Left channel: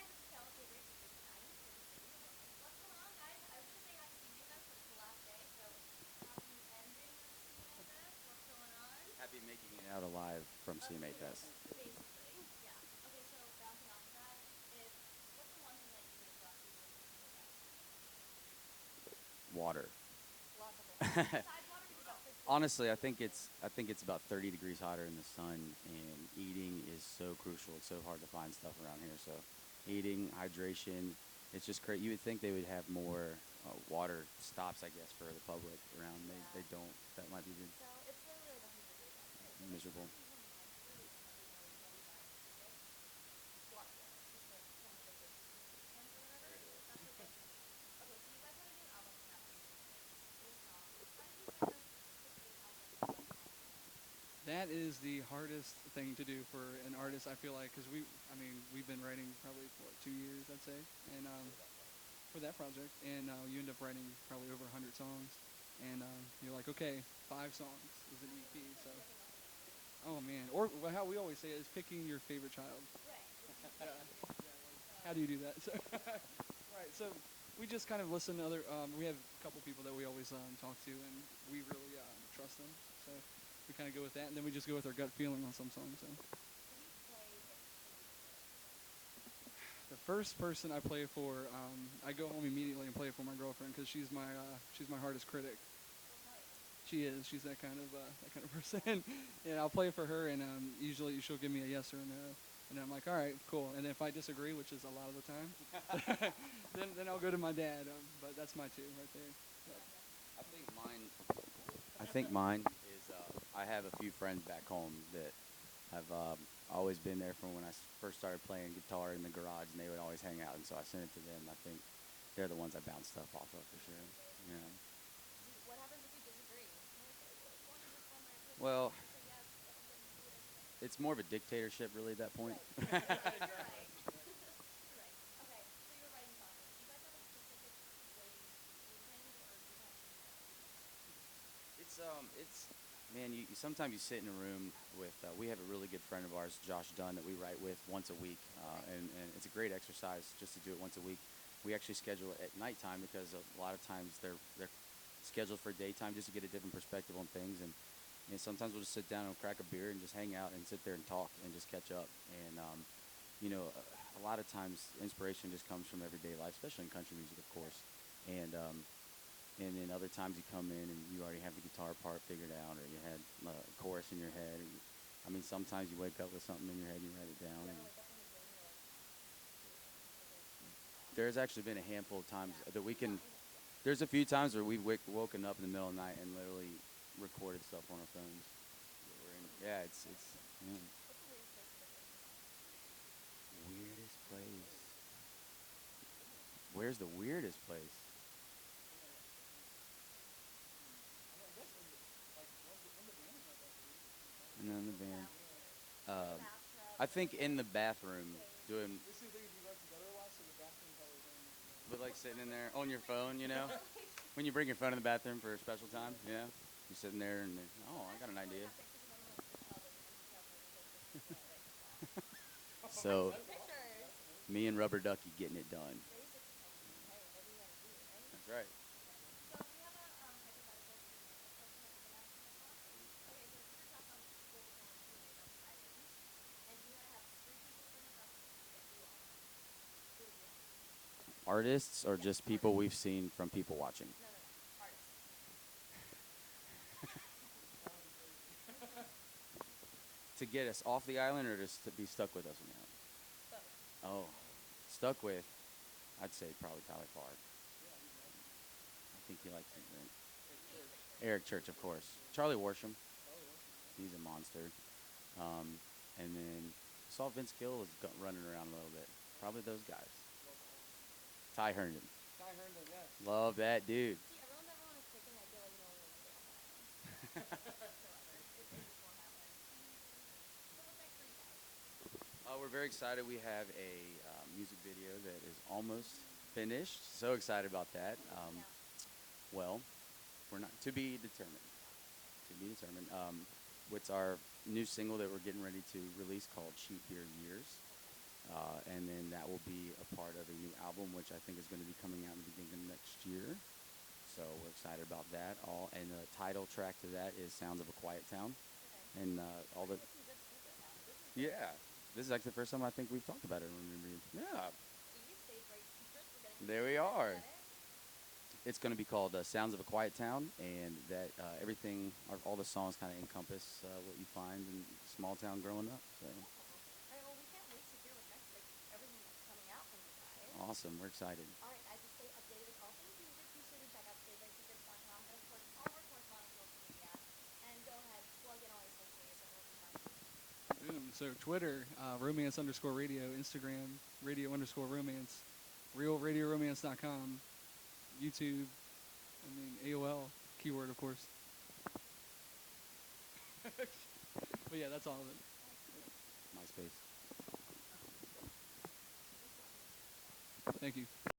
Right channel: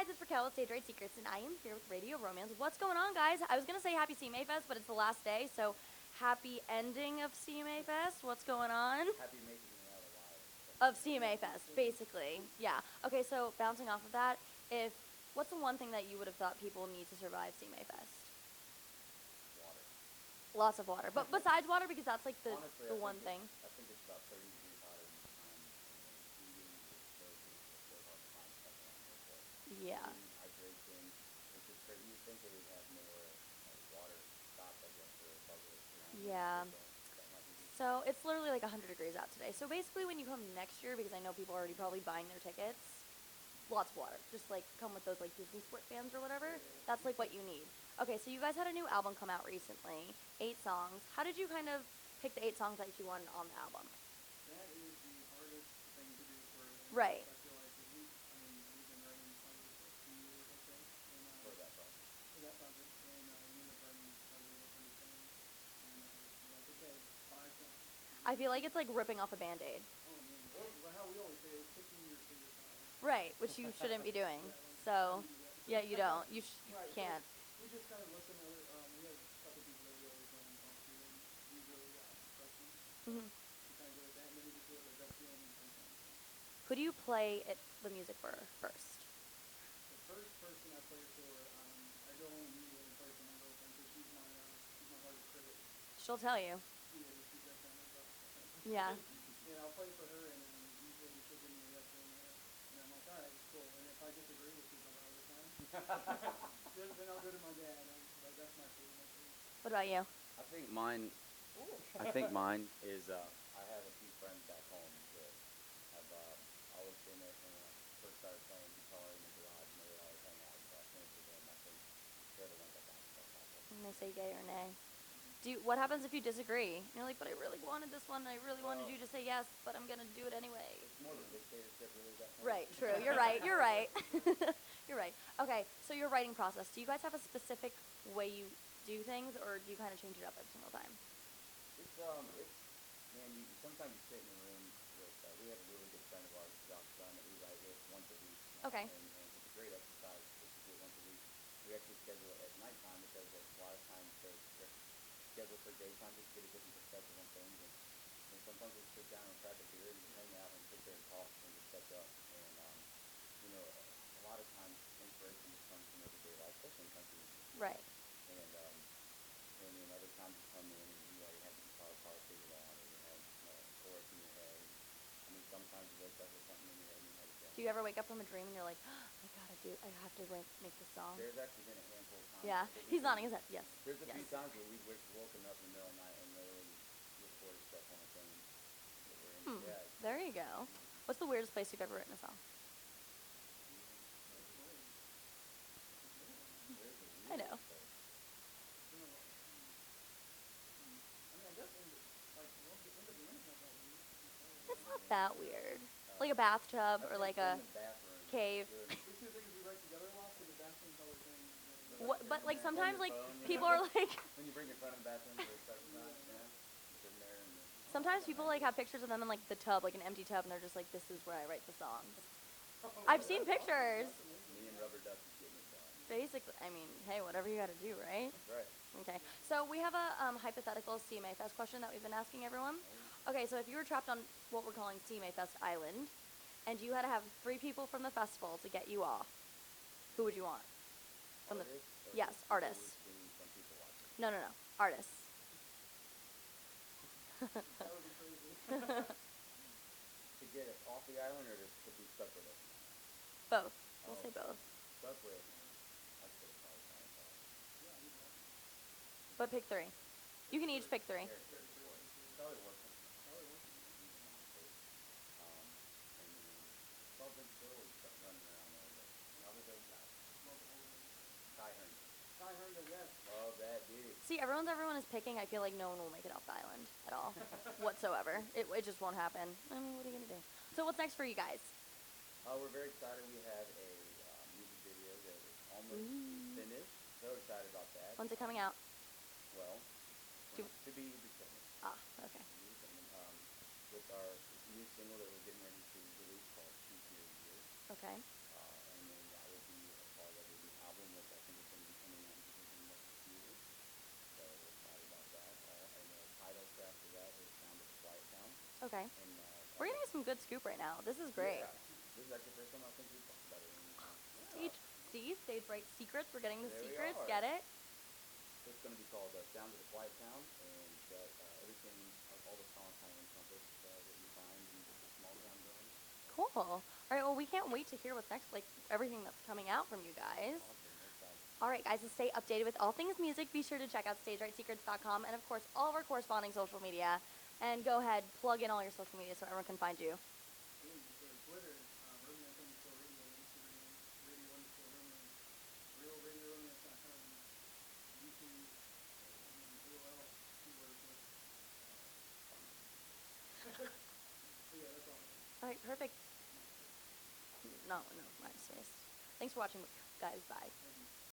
guys, it's Raquel with Stage Right Secrets, and I am here with Radio Romance. What's going on, guys? I was going to say happy CMA Fest, but it's the last day, so happy ending of CMA Fest. What's going on? Happy making it out alive from Of CMA CMA Fest, basically. Yeah. Okay, so bouncing off of that, what's the one thing that you would have thought people need to survive CMA Fest? Water. Lots of water. But besides water, because that's like the Honestly, the I think one thing. it's about 30 degrees hotter in the sun, and eating is so crucial. It's so hard to find stuff around here. So Yeah. eating, hydration, it's just great. You would think they would have more water stops, I guess, for the public around. Yeah. They don't. That might be good. So it's literally like 100 degrees out today. So basically, Miserable. when you come next year, because I know people are already probably buying their tickets, lots of water. Just like come with those like Disney split fans or whatever. That's like what you need. Okay, so you guys had a new album come out recently, 8 songs. How did you kind of pick the 8 songs that you want on the album? That is the hardest thing to do for an Right. artist, I feel like, because we've been writing probably for 2 years, I'd say, and for that project, and you end up writing probably over 100 songs, and you're like, okay, 5 songs. I feel like it's like ripping off a Band-Aid. Oh man, or how we always say it is picking your favorite child. Right, which you shouldn't be doing. So How do you do that? yeah, you don't. You Right, so can't. we just kind of listen to other. We have a couple people that we always talk to, and we really trust them. So Mhm. we kind of go with that, and then we just go with our gut feeling on some songs. So. Who do you play the music for first? The first person I play for, I go home immediately and play it for my girlfriend because she's my hardest critic. She'll tell you. She is. She's that kind of person. Yeah. And I'll play for her, and usually she'll give me a yes or a no, and I'm like, all right, cool. And if I disagree, which is a lot of the time, then I'll go to my dad. But that's my 2 right there. What about you? I think mine is. I have a few friends back home that have always been there from when I first started playing guitar in the garage, and they would always hang out, and so I sent it to them. I think they're the ones I bounce stuff off of. I'm For gonna sure. say yay or Yeah. nay. What happens if you disagree? You're like, but I really wanted this one. I really Well- wanted you to say yes, but I'm gonna do it anyway. It's more of a dictatorship, really, at that point. Right. True. You're right. You're right. You're right. Okay. So your writing process. Do you guys have a specific way you do things, or do you kind of change it up every single time? Man, sometimes you sit in a room with, we have a really good friend of ours, Josh Dunn, that we write with once a week. Okay. And it's a great exercise just to do it once a week. We actually schedule it at nighttime because a lot of times they're scheduled for daytime just to get a different perspective on things. And sometimes we'll just sit down and crack a beer and just hang out and sit there and talk and just catch up. And, a lot of times inspiration just comes from everyday life, especially in country music, of course. Right. And then other times you come in and you already have the guitar part figured out, or you had a chorus in your head. And, sometimes you wake up with something in your head and you write it down. Do you ever wake up from a dream and you're like, I have to make this song? There's actually been a handful of times Yeah. that we He's nodding his head. Yes. There's a Yes. few times where we've woken up in the middle of the night and literally recorded stuff on our phones. Yeah, There you go. yeah. What's the weirdest place you've ever written a song? Weirdest place. Where's the weirdest place? You know what I Not mean? that weird. Like a bathtub I or think like a in the bathroom. cave. Doing, But like sitting there on sometimes your like phone, you people know? are like When you bring your phone in the bathroom for a special time, yeah, you're sitting there and I sometimes got an people like idea. have pictures of them in like the tub, like an empty tub, and they're just like, this is where I write the song. So I've seen pictures. me and Rubber Ducky getting it done. Basically, I mean, hey, whatever you got to do, right? Right. Okay. So we have a hypothetical CMA Fest question that we've been asking everyone. Okay, so if you were trapped on what we're calling CMA Fest Island, and you had to have 3 people from the festival to get you off, who would you want? Artists or Yes, just people we've artists. seen from people watching? No, artists. To get us off the island or just to be stuck with us on the island? Both. We'll Oh. say both. Stuck with, I'd say probably Tyler Clark. But pick 3. You can each pick 3. Eric Church, of course. Charlie Worsham. He's a monster. And then saw Vince Gill was running around a little bit. Probably those guys. Ty Herndon. Love that dude. See, everyone is picking. I feel like no one will make it off the island at all, whatsoever. It just won't happen. I mean, what are you gonna do? So what's next for you guys? We're very excited. We have a music video that is almost finished. So excited about that. When's it coming out? Well, we're not to be determined. Ah, okay. To be determined. It's our new single that we're getting ready to release called Cheap Beer Years. Okay. And then that will be which I think is going to be coming out in the beginning of next year. So we're excited about that. And the title track to that is "Sounds of a Quiet Town." Okay. And We're getting some good scoop right now. This is great. yeah, this is actually the first time I think we've talked about it. Yeah, Stage right secrets. We're getting the there secrets. we are. Get it? It's going to be called "Sounds of a Quiet Town," and that everything, all the songs kind of encompass what you find in small town growing up. So. Cool. All right. Well, we can't wait to hear what's next. Like everything that's coming out from you guys. Awesome. We're excited. All right, guys. To stay updated with all things music, be sure to check out StageRightSecrets.com and of course all of our corresponding social media. And go ahead, plug in all your social media so everyone can find you. Boom. So Twitter, romance_radio, Instagram, radio_romance, realradioromance.com, YouTube, and then AOL keyword, of course. But yeah, that's all of it. All right, perfect. MySpace. No, nice. Thanks for watching, guys. Bye. Thank you.